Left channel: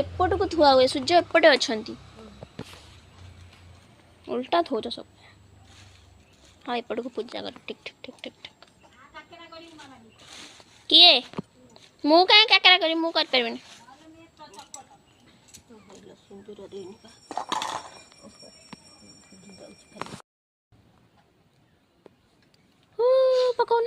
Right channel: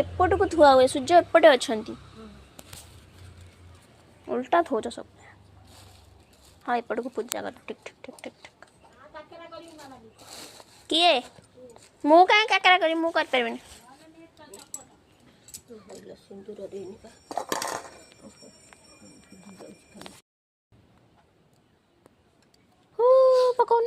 एपटू थुआ हुए सूर्य एपटे अच्छा उल्टा थोच सब। हाँ एपट को पूजा कर ठीक ठीक ठीक ठीक ठीक किए मु कहीं काकरा करी मु कर परबेनी पकाउन